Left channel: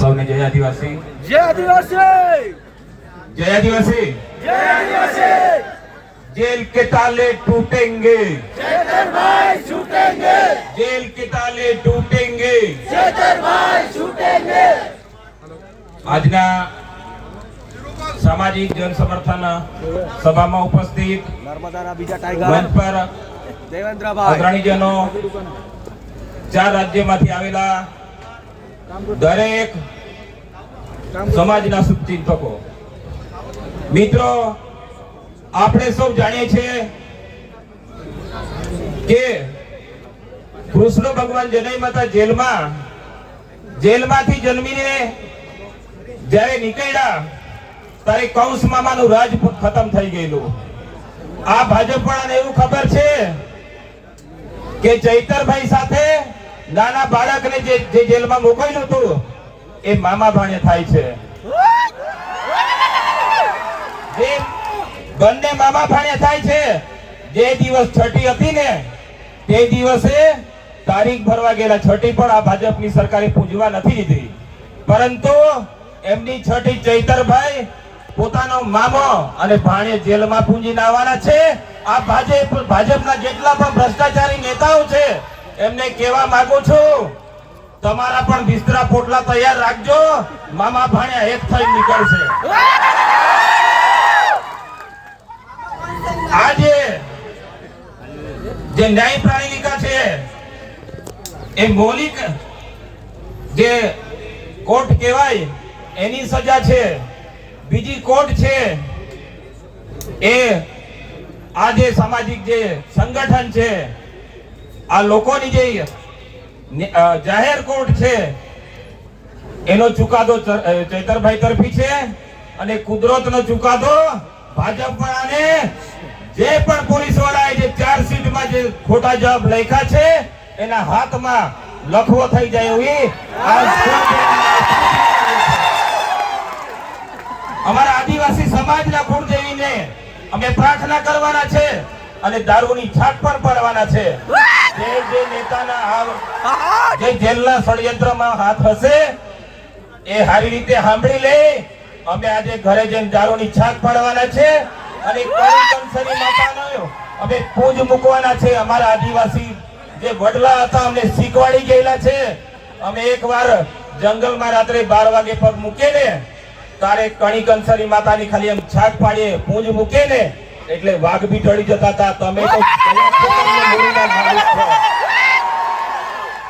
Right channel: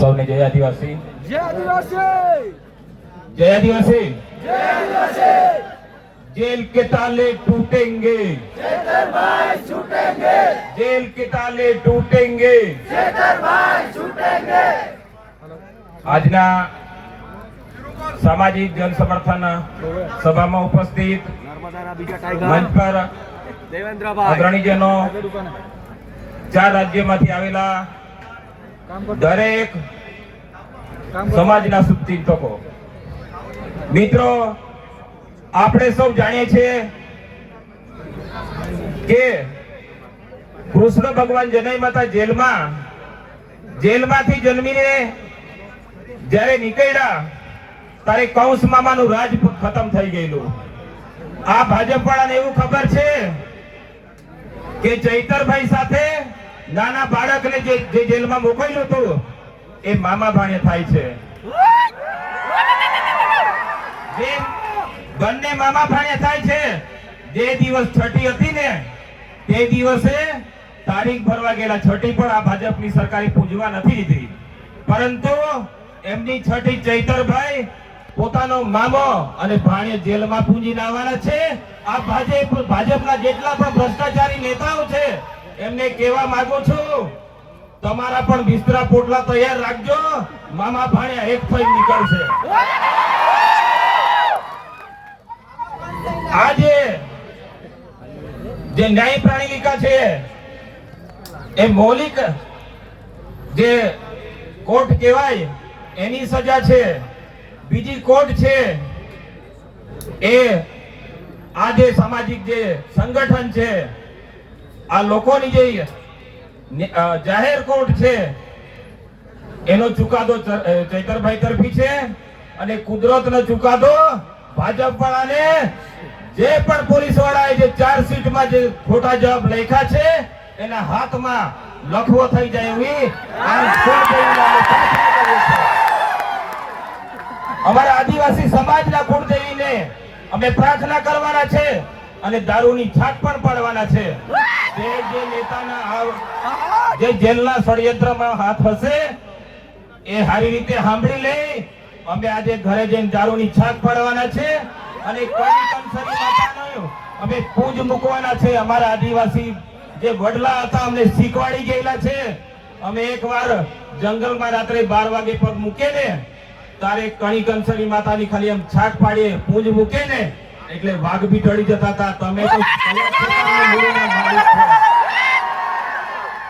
સૌને જય આદિવાસી, જય આદિવાસી, જય આદિવાસી, જય આદિવાસી। जेल के ताले टूटेंगे, भाई छूटेंगे, जेल के ताले टूटेंगे। भाई छूटेंगे। આજના સામાજિક જન સમર્થન સભામાં ઉપસ્થિત નર્મદાના બીજા ટાઈગર મંચ પર દેવેન્દ્રભાઈ, અગ્રણીજનો, 4 રાજ્યમાંથી આવેલા દરેક સમાજના શુભચિંતકો, મિત્રો, આપણે સૌ જાણીએ છીએ કે કૃષ્ણ ભગવાન જનઈ માતા જેલમાંથી જન્મીને જ્યારે નીકળ્યા ત્યારે કૌંસ મામાનું રાજ ખતમ થઈ ગયેલું। આ ભાજપ વાળાને એવું ખબર છે કે ચૈતરભાઈ સાથે નાના બાળકને જે જેલમાં મોકલ્યું હતું એ મામા ભાણે થાય છે। બંને મામા ભાણે થાય છે। જે દિવસ છઠ્ઠી હતી ને તે દિવસે તારીખ ભરવા ગયેલા, છઠ્ઠી પણ આ ભાજપની સરકારે પૂજવા નથી દીધી, પરંતુ એમની છઠ્ઠી ચૈતરભાઈ પોતાનો મામો અને ભાણે જેલમાં પૂંજીને આવવાના છે। આ ભાજપના જેટલા પણ ભ્રષ્ટાચારી નેતાઓ છે એમને કહેવા માંગુ છું, તમારા પણ બિસ્તરા પોટલા તૈયાર રાખજો, મામા ભાણ્યા એક થઈ નીકળશે। આજે જે ન્યાય પ્રાણિકા છે એ મૌલિક જે કોર્ટ કહેવાય એની સજા છે, બીજી કોર્ટ છે એ આ જે સામાજિક જે સંગઠન છે, આ લોકોની જે જાહેર કોર્ટ છે એનો ચુકાદો ચૈતરભાઈ તરફી છે અને કુદરતનો ચુકાદો ભાજપ વાળાને જે પણ પોલીસ વાળાએ જે ચાર્જશીટમાં જે ખોટા જવાબ લખ્યા છે એના હાથમાં લખવો થઈ જાય એવી અમારા આદિવાસી સમાજના કુળદેવીને અમે પ્રાર્થના કરવાના છે અને દારૂની છાપ પણ પાડવાના છે। જે નેતાના જે જેલના ષડયંત્રમાં હાથ હશે એ સારી રીતે સાંભળી લે। અમે આજે ઘરે જઈને દારૂની છાપ પાડવાના છે અને કંસરી માતાનો અમે પૂજ મૂકવાના છે। અમારા આદિવાસી જે વડલા હતા અમને શીખવાડી ગયેલા છે, અમે એકવાર જંગલમાં રાત્રે 12 વાગે પગ મૂકે ને તારે કણી કંસરી માતાની ખાલી એમ છાક પાડીએ પૂજ મૂકે ને એટલે વાઘ બી ટળી જતા હતા। તમે તો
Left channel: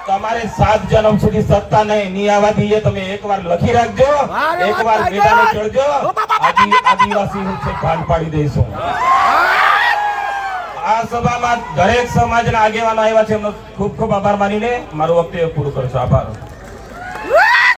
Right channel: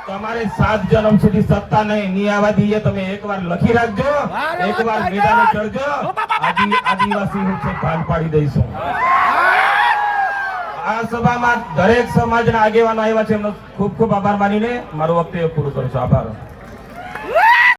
તમારે 7 જન્મ સુધી સત્તા નહીં આવવા દઈએ। તમે એકવાર લખી રાખજો, એકવાર મેદાને ચડજો, આદિવાસી છે ભાન પાડી દઈશું। આ સભામાં દરેક સમાજના આગેવાનો આવ્યા છે, એમનો ખૂબ ખૂબ આભાર માનીને મારો વક્તવ્ય પૂરું કરું છું। આભાર।